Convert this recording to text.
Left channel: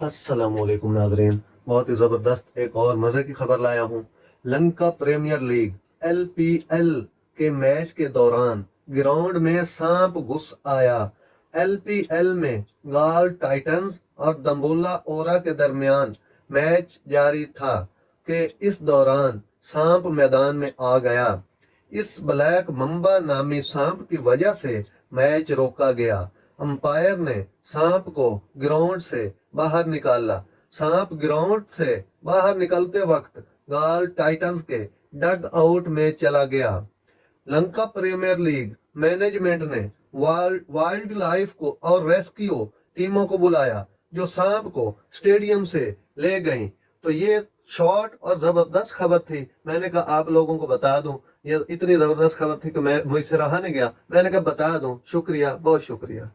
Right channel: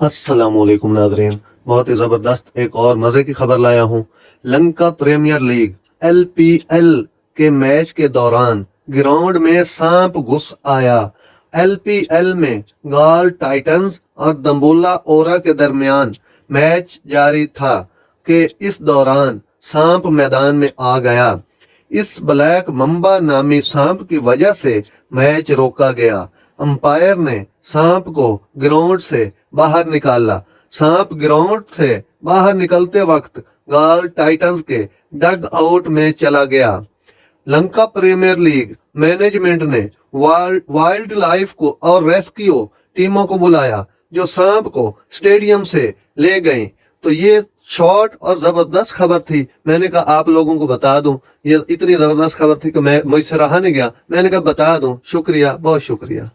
अस्सलाम वालेकुम नाज़रीन, बहुत ही ज़बरदस्त एक और मज़े की खबर लाया हूँ। लंका प्रीमियर लीग LPL के मैच के दौरान ग्राउंड में सांप घुस आया। LPL में गाल टाइटंस और दम्बुल्ला ओरा के दरमियान मैच जारी था कि इस दौरान सांप मैदान में आ गया। इस ब्लैक मम्बा नामी सांप की वजह से मैच रोका गया। अंपायर ने सांप को ग्राउंड से बाहर निकाला। सांप ग्राउंड से बाहर निकलते वक्त गाल टाइटंस के डग आउट में चला गया। लंका प्रीमियर लीग मैनेजमेंट ने वाइल्ड लाइफ को और रेस्क्यू टीमों को बुलाया जो सांप को स्टेडियम से ले गई। तो ये शॉर्ट और जबरदस्त खबर थी, मैंने कहा आप लोगों को बता दूं। ये इतनी जबरदस्त खबर थी कि मैं मुझसे रहा नहीं गया, मैंने कहा बता दूं। शुक्रिया, बहुत शुक्रिया।